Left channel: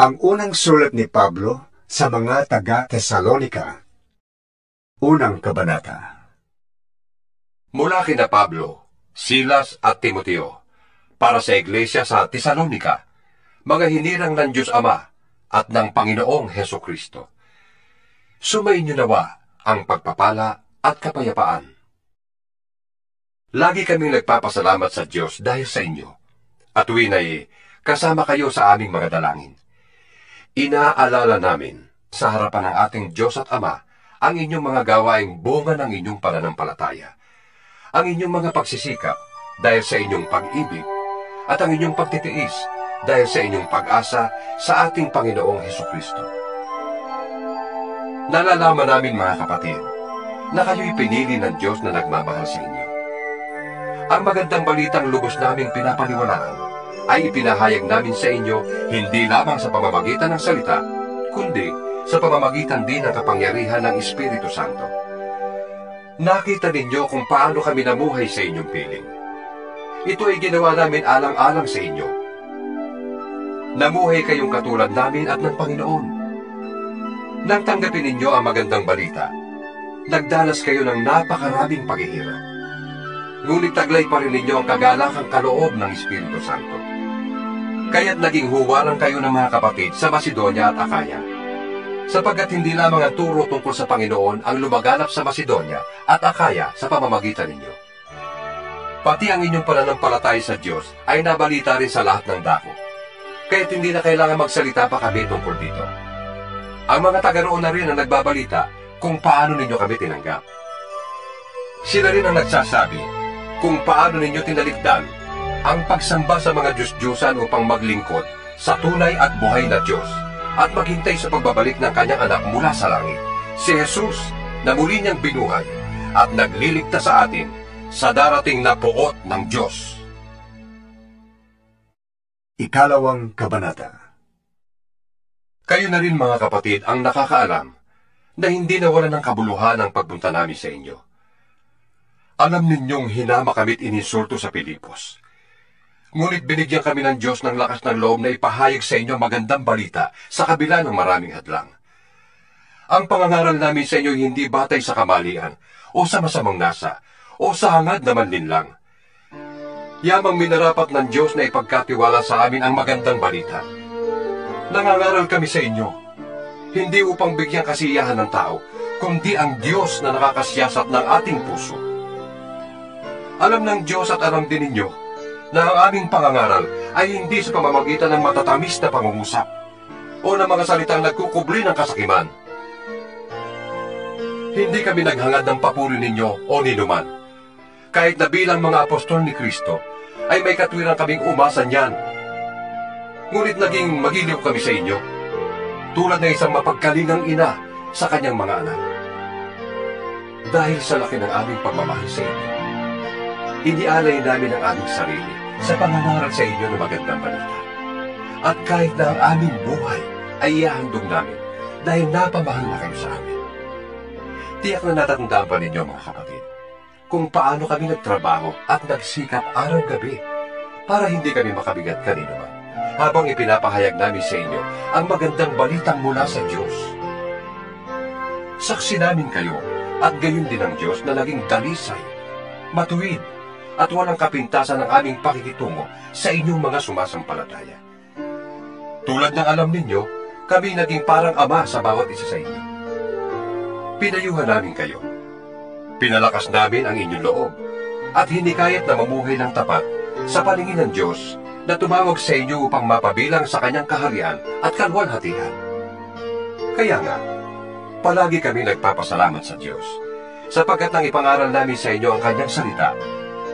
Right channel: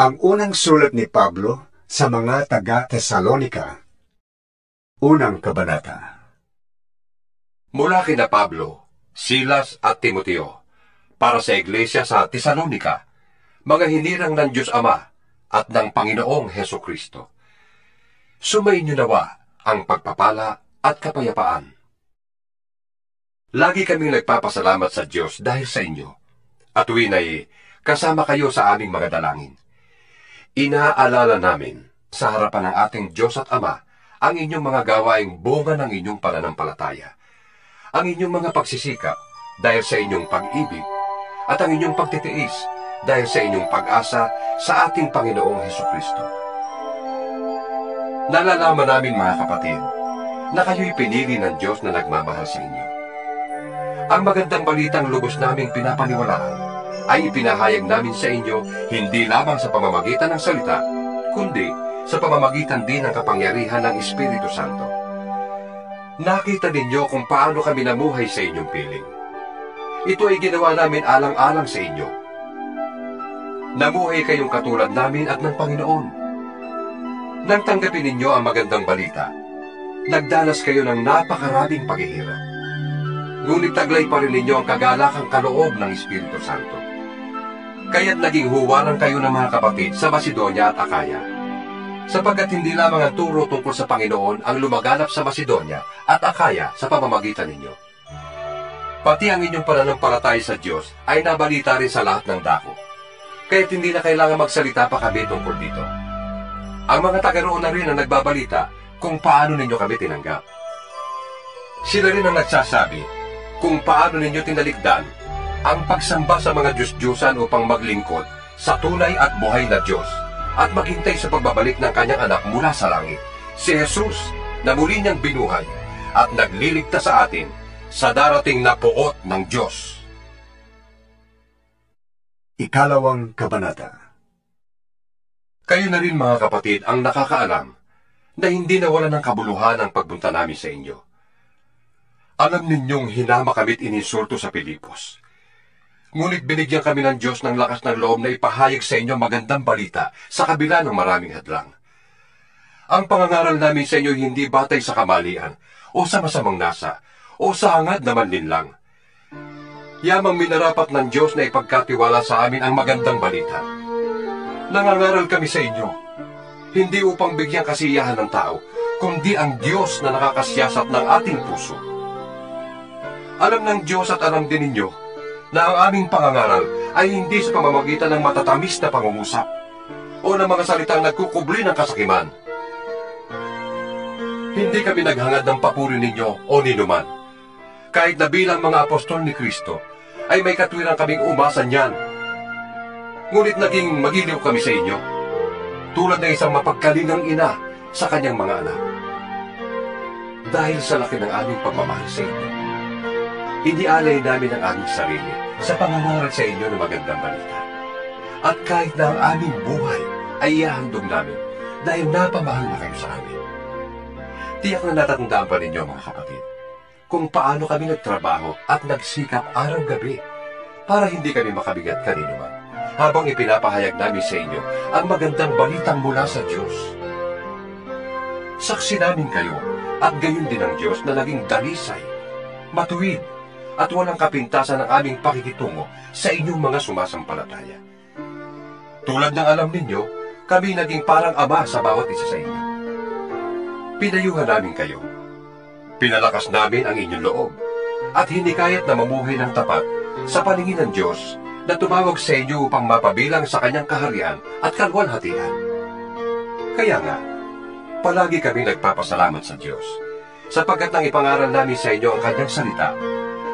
Ang unang sulat ni Pablo sa mga taga-Tesalonika. Unang kabanata. Mula kina Pablo, Silas at Timoteo, para sa iglesia sa Tesalonika, mga hinirang ng Diyos Ama at ng Panginoong Hesukristo. Sumainyo nawa ang pagpapala at kapayapaan. Lagi kaming nagpapasalamat sa Diyos dahil sa inyo, at tuwin ay kasama kayo sa aming mga dalangin. Inaalala namin sa harapan ng ating Diyos at Ama ang inyong mga gawaing bunga ng inyong pananampalataya, ang inyong mga pagsisikap dahil sa inyong pag-ibig, at ang inyong pagtitiis dahil sa inyong pag-asa sa ating Panginoong Hesukristo. Nalalaman namin, mga kapatid, na kayo'y pinili ng Diyos na nagmamahal sa inyo. Ang magandang balitang lubos naming pinapaniwalaan ay ipinahayag namin sa inyo hindi lamang sa pamamagitan ng salita, kundi sa pamamagitan din ng kapangyarihan ng Espiritu Santo. Nakita ninyo kung paano kami namuhay sa inyong piling. Ito ay ginawa namin alang-alang sa inyo. Namuhay kayong katulad namin at ng Panginoon. Nang tanggapin ninyo ang magandang balita, nagdanas kayo ng napakaraming paghihirap. Ngunit taglay pa rin ninyo ang kagalakang kaloob ng Espiritu Santo. Kaya't naging huwaran kayo ng mga kapatid sa Macedonia at Akaya, sapagkat hindi lamang ang turo tungkol sa Panginoon ang lumaganap sa Macedonia at Akaya sa pamamagitan ninyo. Pati ang inyong pananampalataya sa Diyos ay nabalita rin sa lahat ng dako, kaya't hindi na kailangan magsalita pa kami tungkol dito. Ang mga taga-roon na rin ang nagbabalita kung paano ninyo kami tinanggap. Sila rin ang nagsasabi kung paano ninyo tinalikdan ang pagsamba sa mga Diyos-Diyosan upang maglingkod sa tunay at buhay na Diyos at maghintay sa pagbabalik ng kanyang anak mula sa langit, si Jesus, na muli niyang binuhay at nagliligtas sa atin sa darating na puot ng Diyos. Ikalawang kabanata. Kayo na rin, mga kapatid, ang nakakaalam na hindi nawala ng kabuluhan ang pagpunta namin sa inyo. Alam ninyong hinama kami't ininsulto sa Pilipos. Ngunit binigyan kami ng Diyos ng lakas ng loob na ipahayag sa inyo magandang balita sa kabila ng maraming hadlang. Ang pangangaral namin sa inyo hindi batay sa kamalian, o sa masamang nasa, o sa hangad na manlinlang. Yamang minarapat ng Diyos na ipagkatiwala sa amin ang magandang balita. Nangangaral kami sa inyo, hindi upang bigyang kasiyahan ng tao, kundi ang Diyos na nakakasiyasat ng ating puso. Alam ng Diyos at alam din ninyo na ang aming pangangaral ay hindi sa pamamagitan ng matatamis na pangungusap o ng mga salitang nagkukubli ng kasakiman. Hindi kami naghangad ng papuri ninyo o ninuman. Kahit na bilang mga apostol ni Kristo, ay may katwiran kaming umasa niyan. Ngunit naging magiliw kami sa inyo, tulad ng isang mapagkalingang ina sa kanyang mga anak. Dahil sa laki ng aming pagmamahal sa inyo, inialay namin ang aming sarili sa pangangaral sa inyo ng magandang balita. At kahit na ang aming buhay ay ihahandog namin dahil napamahal na kayo sa amin. Tiyak na natatandaan pa ninyo, mga kapatid, kung paano kami nagtrabaho at nagsikap araw-gabi para hindi kami makabigat kanino man, habang ipinapahayag namin sa inyo ang magandang balitang mula sa Diyos. Saksi namin kayo at gayon din ang Diyos na naging dalisay, matuwid, at walang kapintasan ng aming pakikitungo sa inyong mga sumasampalataya. Tulad ng alam ninyo, kami naging parang ama sa bawat isa sa inyo. Pinayuhan namin kayo. Pinalakas namin ang inyong loob at hinikayat na mamuhay ng tapat sa paningin ng Diyos na tumawag sa inyo upang mapabilang sa kanyang kaharian at kalwalhatian. Kaya nga, palagi kami nagpapasalamat sa Diyos, sapagkat nang ipangaral namin sa inyo ang kanyang salita,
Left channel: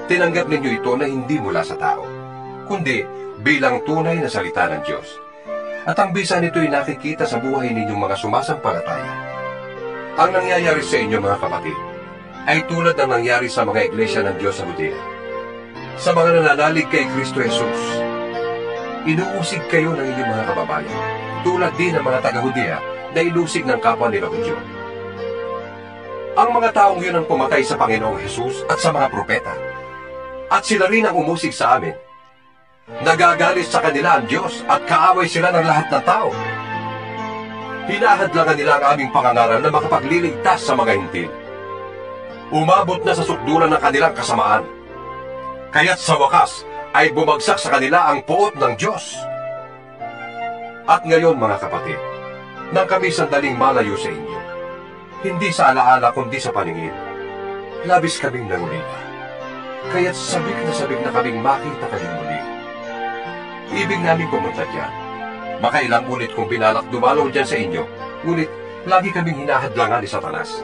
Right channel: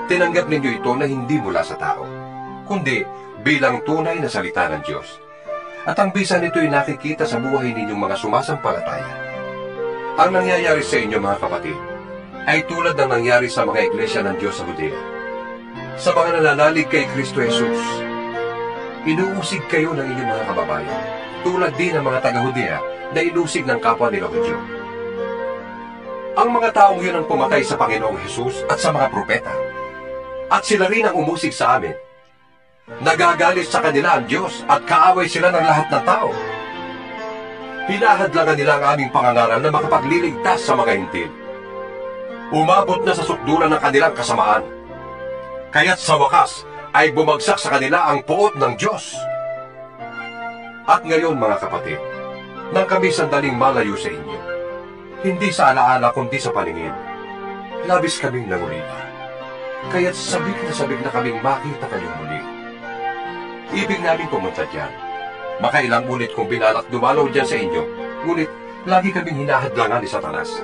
tinanggap ninyo ito na hindi mula sa tao, kundi bilang tunay na salita ng Diyos. At ang bisa nito ay nakikita sa buhay ninyong mga sumasampalataya. Ang nangyayari sa inyo, mga kapatid, ay tulad ng nangyari sa mga iglesia ng Diyos sa Judea. Sa mga nananalig kay Kristo Jesus, inuusig kayo ng inyong mga kababayan, tulad din ng mga taga-Judea na inusig ng kapwa nila Hudyo. Ang mga taong yun ang pumatay sa Panginoong Jesus at sa mga propeta. At sila rin ang umusig sa amin. Nagagalit sa kanila ang Diyos at kaaway sila ng lahat ng tao. Hinahadlangan nila ang aming pangangaral na makapagliligtas sa mga hintil. Umabot na sa sukdulan ng kanilang kasamaan. Kaya't sa wakas ay bumagsak sa kanila ang puot ng Diyos. At ngayon mga kapatid, nang kami sandaling malayo sa inyo, hindi sa alaala kundi sa paningin, labis kaming nangulila. Kaya't sabik na kaming makita kayong muli. Ibig namin pumunta dyan. Makailang ulit kong binalak dumalaw dyan sa inyo, ngunit lagi kaming hinahadlangan ni Satanas.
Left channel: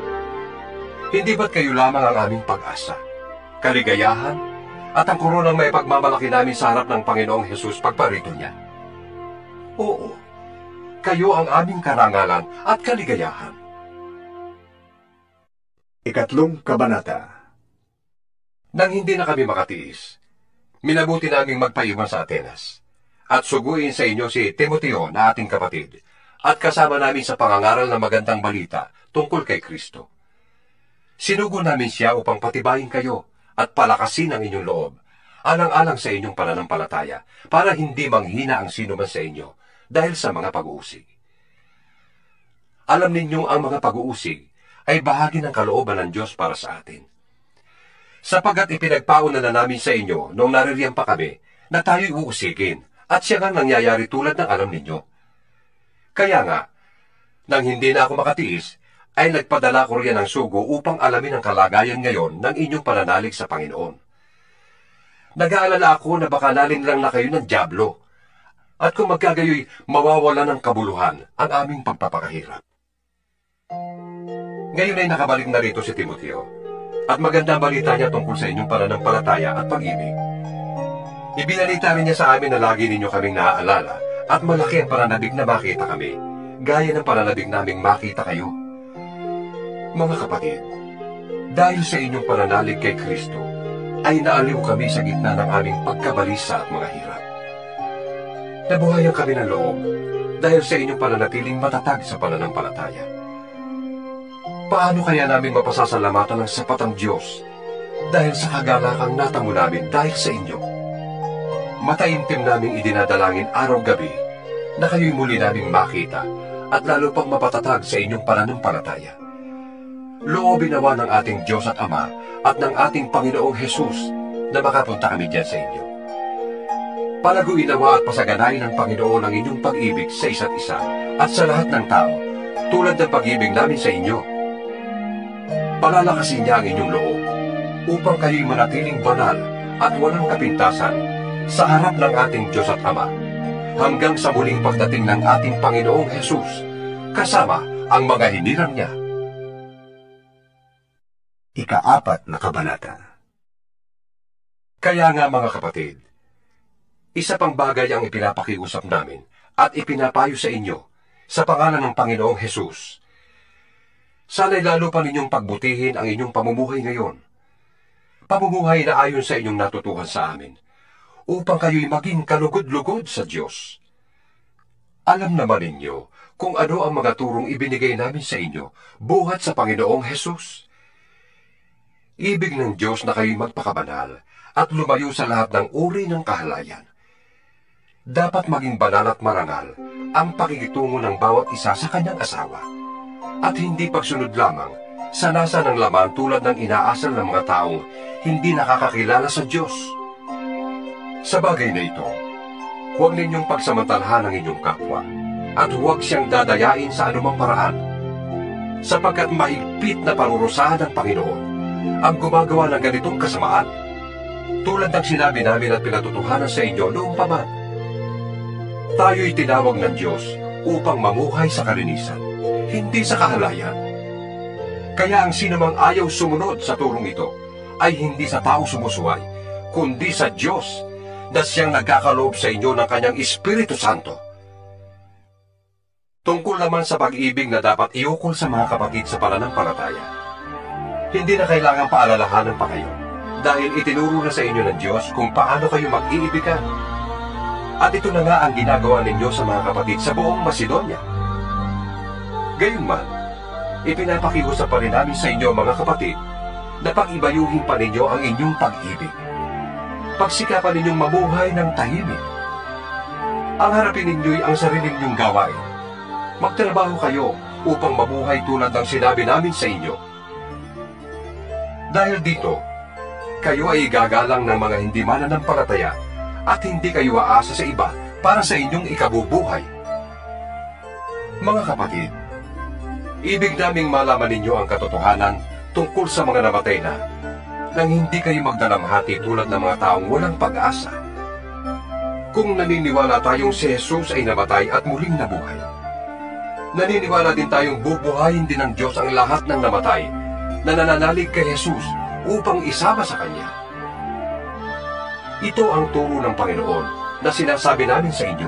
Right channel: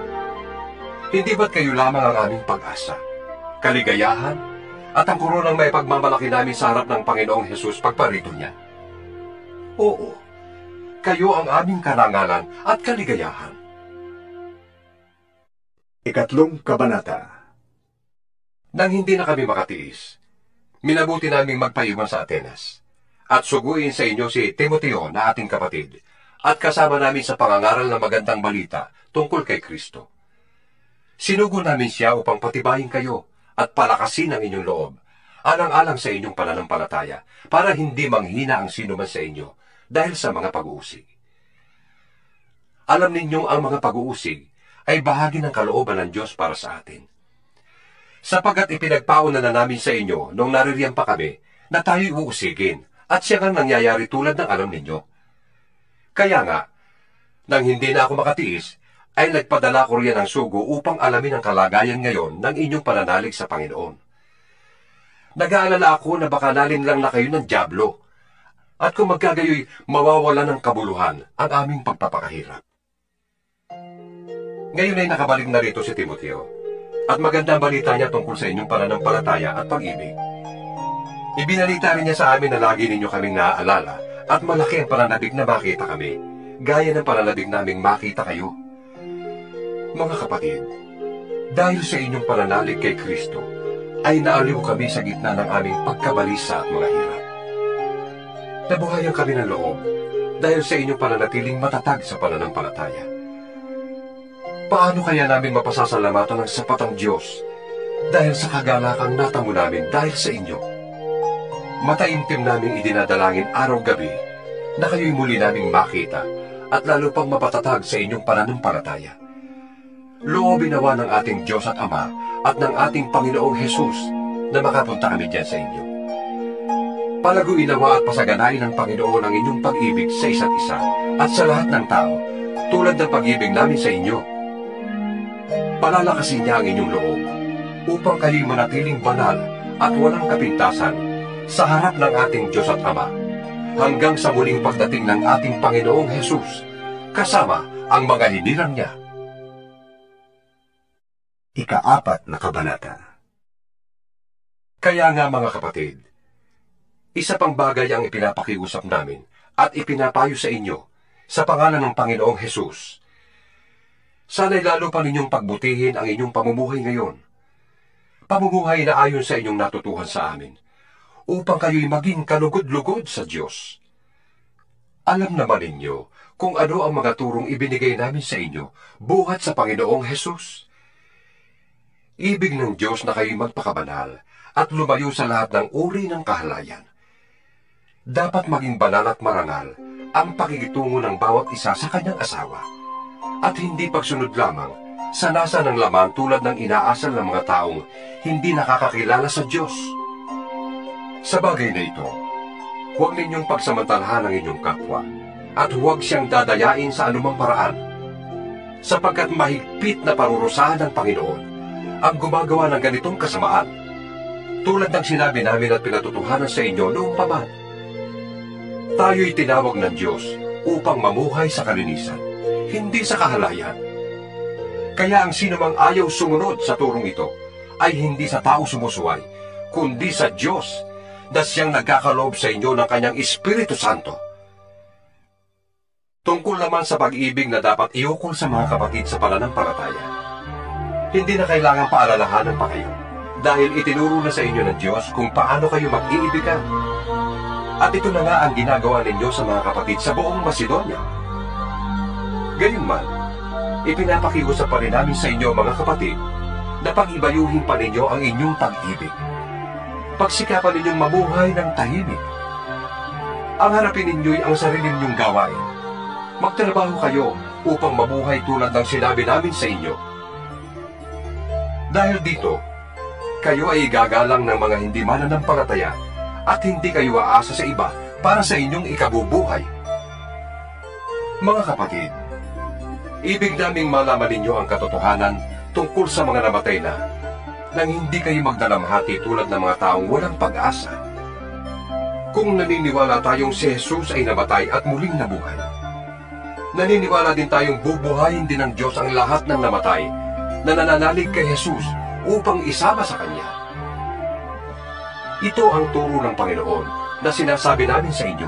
Hindi ba't kayo lamang ang aming pag-asa, kaligayahan, at ang koronang may pagmamalaki namin sa harap ng Panginoong Hesus pagparito niya? Oo, kayo ang aming karangalan at kaligayahan. Ikatlong kabanata. Nang hindi na kami makatiis, minabuti naming magpaiwan sa Atenas at suguin sa inyo si Timoteo na ating kapatid at kasama namin sa pangangaral ng magandang balita tungkol kay Kristo. Sinugo namin siya upang patibayin kayo at palakasin ang inyong loob, alang-alang sa inyong pananampalataya, para hindi manghina ang sino man sa inyo dahil sa mga pag-uusig. Alam ninyong ang mga pag-uusig ay bahagi ng kalooban ng Diyos para sa atin. Sapagkat ipinagpauna na namin sa inyo nung naririyan pa kami na tayo'y uusigin at siya nga nangyayari tulad ng alam ninyo. Kaya nga, nang hindi na ako makatiis, ay nagpadala ko riyan ng sugo upang alamin ang kalagayan ngayon ng inyong pananalig sa Panginoon. Nag-aalala ako na baka nalinlang na kayo ng dyablo, at kung magkagayoy mawawala ng kabuluhan ang aming pagpapakahirap. Ngayon ay nakabalik na rito si Timoteo, at magandang balita niya tungkol sa inyong pananampalataya at pag-ibig. Ibinalita rin niya sa amin na lagi ninyo kaming naaalala at malaki ang pananabik na makita kami, gaya ng pananabik naming makita kayo. Mga kapatid, dahil sa inyong pananalig kay Kristo, ay naaliw kami sa gitna ng aming pagkabalisa at mga hirap. Nabuhayan kami ng loob dahil sa inyong pananatiling matatag sa pananampalataya. Paano kaya namin mapasasalamatan ng sapat ang Diyos dahil sa kagalakang natamo namin dahil sa inyo? Mataimtim naming idinadalangin araw-gabi na kayo'y muli naming makita at lalo pang mapatatag sa inyong pananampalataya. Loobin nawa ng ating Diyos at Ama at ng ating Panginoong Hesus na makapunta kami diyan sa inyo. Palaguin nawa at pasaganain ng Panginoon ang inyong pag-ibig sa isa't isa at sa lahat ng tao, tulad ng pag-ibig namin sa inyo. Palalakasin niya ang inyong loob upang kayo'y manatiling banal at walang kapintasan sa harap ng ating Diyos at Ama hanggang sa muling pagdating ng ating Panginoong Hesus kasama ang mga hinirang niya. Ika-4 na kabanata. Kaya nga mga kapatid, isa pang bagay ang ipinapakiusap namin at ipinapayo sa inyo sa pangalan ng Panginoong Hesus. Sana'y lalo pa ninyong pagbutihin ang inyong pamumuhay ngayon. Pamumuhay na ayon sa inyong natutuhan sa amin, upang kayo'y maging kalugod-lugod sa Diyos. Alam naman ninyo kung ano ang mga turong ibinigay namin sa inyo buhat sa Panginoong Hesus. Ibig ng Diyos na kayo'y magpakabanal at lumayo sa lahat ng uri ng kahalayan. Dapat maging banal at marangal ang pakikitungo ng bawat isa sa kanyang asawa, at hindi pagsunod lamang sa nasa ng laman tulad ng inaasal ng mga taong hindi nakakakilala sa Diyos. Sa bagay na ito, huwag ninyong pagsamantalahan ang inyong kapwa at huwag siyang dadayain sa anumang paraan, sapagkat mahigpit na parurusahan ng Panginoon ang gumagawa ng ganitong kasamaan, tulad ng sinabi namin at pinatutuhanan sa inyo noong paman. Tayo'y tinawag ng Diyos upang mamuhay sa kalinisan, hindi sa kahalayan. Kaya ang sinumang ayaw sumunod sa turong ito ay hindi sa tao sumusuway, kundi sa Diyos na siyang nagkakaloob sa inyo ng kanyang Espiritu Santo. Tungkol naman sa pag-ibig na dapat iukol sa mga kapatid sa pananampalataya, hindi na kailangan paalalahanan pa kayo, dahil itinuro na sa inyo ng Diyos kung paano kayo mag-iibigan. At ito na nga ang ginagawa ninyo sa mga kapatid sa buong Macedonia. Gayunman, ipinapakiusap pa rin namin sa inyo mga kapatid na pag-ibayuhin pa ninyo ang inyong pag-ibig. pagsikapan ninyong mamuhay ng tahimik. Ang harapin ninyo'y ang sarili ninyong gawain. Magtrabaho kayo upang mabuhay tulad ng sinabi namin sa inyo. Dahil dito, kayo ay igagalang ng mga hindi mananampalataya at hindi kayo aasa sa iba para sa inyong ikabubuhay. Mga kapatid, ibig naming malaman ninyo ang katotohanan tungkol sa mga namatay na, nang hindi kayo magdalamhati tulad ng mga taong walang pag-asa. Kung naniniwala tayong si Jesus ay namatay at muling nabuhay, naniniwala din tayong bubuhayin din ng Diyos ang lahat ng namatay na nananalig kay Jesus upang isama sa Kanya. Ito ang turo ng Panginoon na sinasabi namin sa inyo.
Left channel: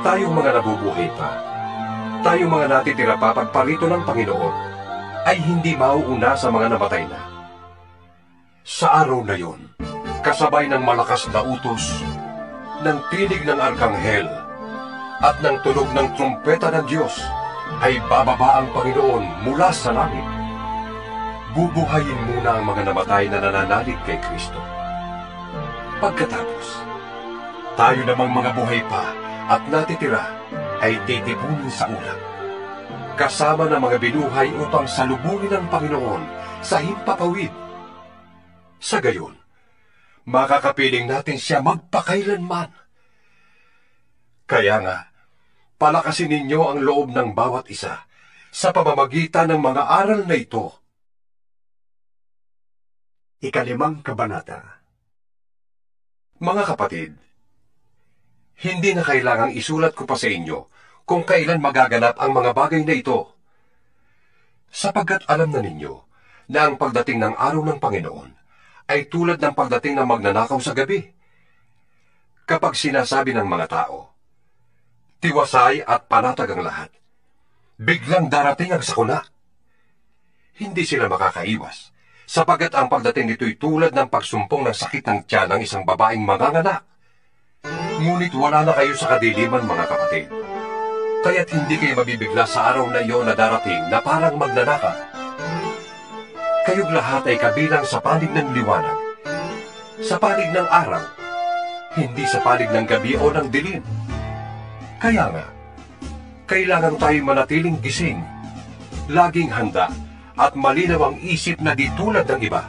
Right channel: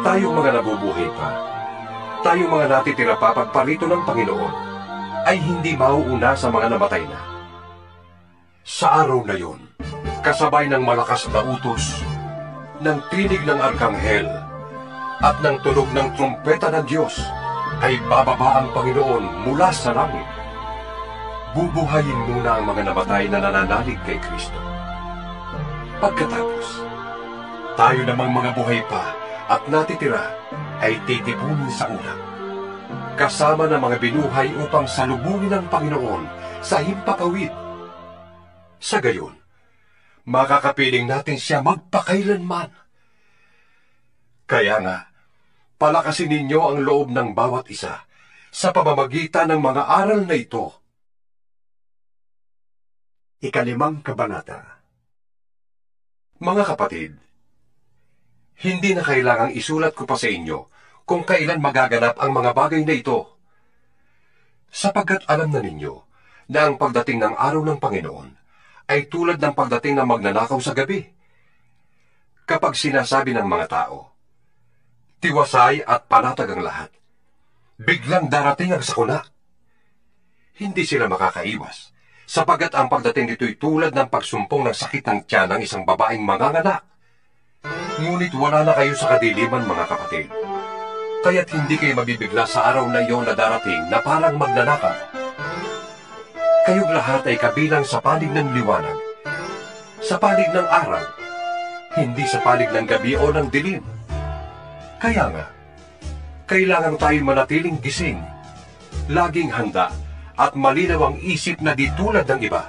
Tayong mga nabubuhay pa, tayong mga natitira pa pagparito ng Panginoon, ay hindi mauuna sa mga namatay na. Sa araw na yon, kasabay ng malakas na utos, ng tinig ng arkanghel, at ng tunog ng trumpeta ng Diyos, ay bababa ang Panginoon mula sa langit. Bubuhayin muna ang mga namatay na nananalig kay Kristo. Pagkatapos, tayo namang mga buhay pa at natitira ay titipunin sa ulap, kasama ng mga binuhay upang salubungin ang Panginoon sa himpapawid. Sa gayon, makakapiling natin siya magpakailanman. Kaya nga, palakasin ninyo ang loob ng bawat isa sa pamamagitan ng mga aral na ito. 5 Kabanata. Mga kapatid, hindi na kailangang isulat ko pa sa inyo kung kailan magaganap ang mga bagay na ito, sapagkat alam na ninyo na ang pagdating ng araw ng Panginoon ay tulad ng pagdating ng magnanakaw sa gabi. Kapag sinasabi ng mga tao, tiwasay at panatag ang lahat, biglang darating ang sakuna. Hindi sila makakaiwas, sapagkat ang pagdating nito'y tulad ng pagsumpong ng sakit ng tiyan ng isang babaeng manganganak. Ngunit wala na kayo sa kadiliman, mga kapatid, kaya't hindi kayo mabibigla sa araw na iyon na darating na parang magnanakaw. Kayong lahat ay kabilang sa panig ng liwanag, sa panig ng araw, hindi sa panig ng gabi o ng dilim. Kaya nga, kailangan tayo manatiling gising, laging handa, at malinaw ang isip na di tulad ng iba.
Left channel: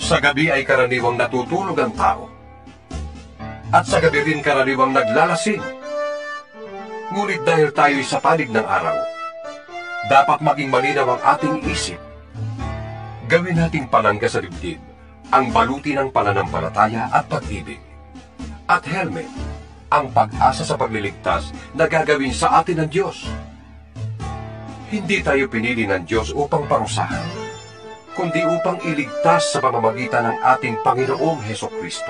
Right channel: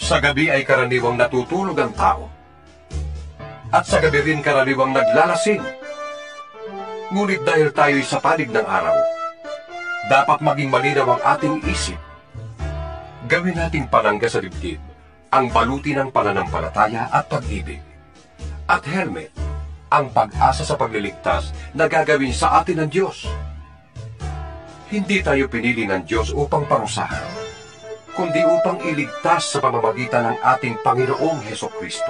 Sa gabi ay karaniwang natutulog ang tao, at sa gabi rin karaniwang naglalasing. Ngunit dahil tayo'y sa panig ng araw, dapat maging malinaw ang ating isip. Gawin nating palangga sa dibdib ang baluti ng pananampalataya at pag-ibig, at helmet ang pag-asa sa pagliligtas na gagawin sa atin ng Diyos. Hindi tayo pinili ng Diyos upang parusahan, kundi upang iligtas sa pamamagitan ng ating Panginoong Hesukristo.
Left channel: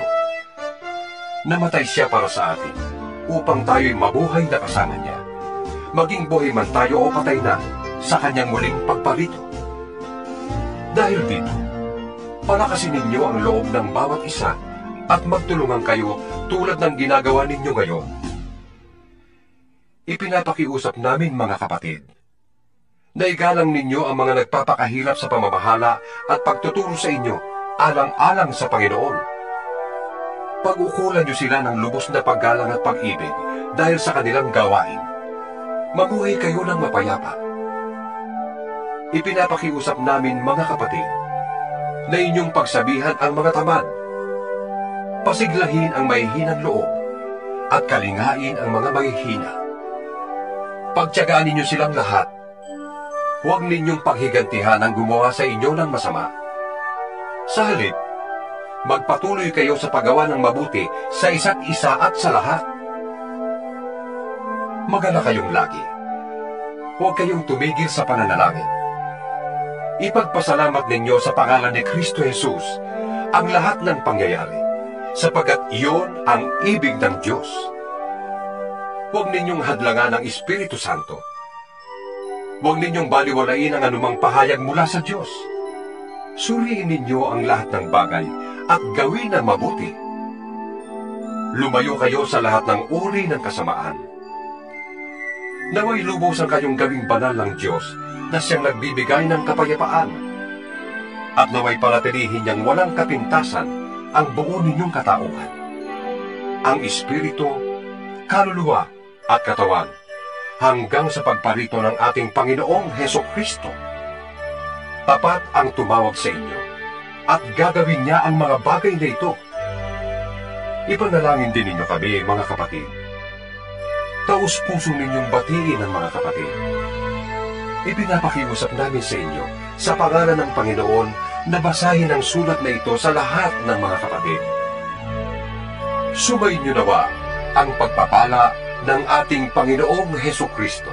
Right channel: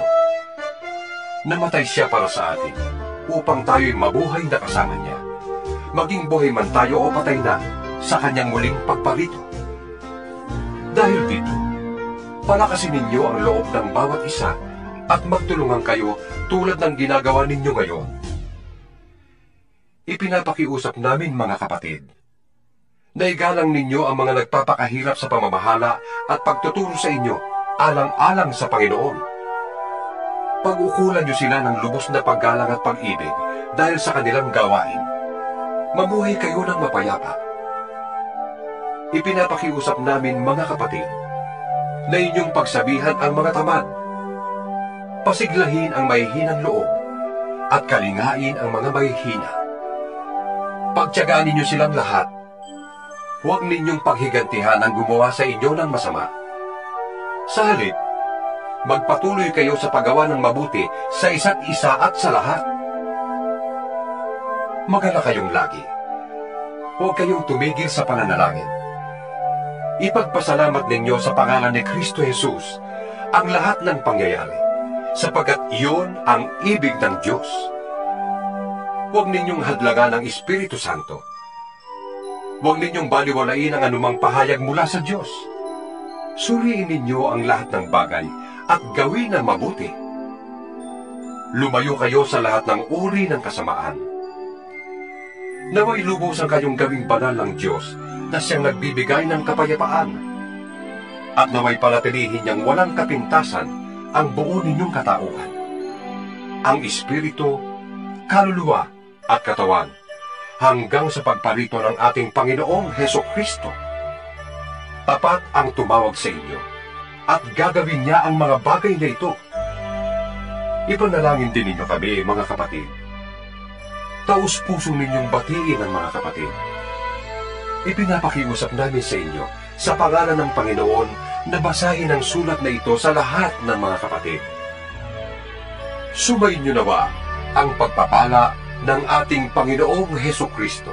Namatay siya para sa atin, upang tayo'y mabuhay na kasama niya, maging buhay man tayo o patay na sa kanyang muling pagparito. Dahil dito, palakasin ninyo ang loob ng bawat isa at magtulungan kayo tulad ng ginagawa ninyo ngayon. Ipinapakiusap namin, mga kapatid, na igalang ninyo ang mga nagpapakahirap sa pamamahala at pagtuturo sa inyo alang-alang sa Panginoon. Pag-ukulan nyo sila ng lubos na paggalang at pag-ibig dahil sa kanilang gawain. Mamuhay kayo ng mapayapa. Ipinapakiusap namin, mga kapatid, na inyong pagsabihan ang mga tamad, pasiglahin ang mahihinang loob, at kalingain ang mga mahihina. Pagtiyagaan ninyo silang lahat. Huwag ninyong paghigantihan ang gumawa sa inyo ng masama. Sa halip, magpatuloy kayo sa paggawa ng mabuti sa isa't isa at sa lahat. Magala kayong lagi. Huwag kayong tumigil sa pananalangin. Ipagpasalamat ninyo sa pangalan ni Kristo Jesus ang lahat ng pangyayari, sapagkat iyon ang ibig ng Diyos. Huwag ninyong hadlangan ang Espiritu Santo. Huwag ninyong baliwalain ang anumang pahayag mula sa Diyos. Suriin ninyo ang lahat ng bagay at gawin ang mabuti. Lumayo kayo sa lahat ng uri ng kasamaan. Naway lubos ang kayong gawing banal ng Diyos na siyang nagbibigay ng kapayapaan. at naway panatilihin niyang walang kapintasan ang buo ninyong katauhan. Ang espiritu, kaluluwa at katawan, hanggang sa pagparito ng ating Panginoong Hesukristo. Tapat ang tumawag sa inyo, at gagawin niya ang mga bagay na ito. Ipanalangin din ninyo kami, mga kapatid. Taus-puso ninyong batiin ang mga kapatid. Ipinapakiusap namin sa inyo, sa pangalan ng Panginoon, na basahin ang sulat na ito sa lahat ng mga kapatid. Sumainyo nawa ang pagpapala ng ating Panginoong Hesukristo.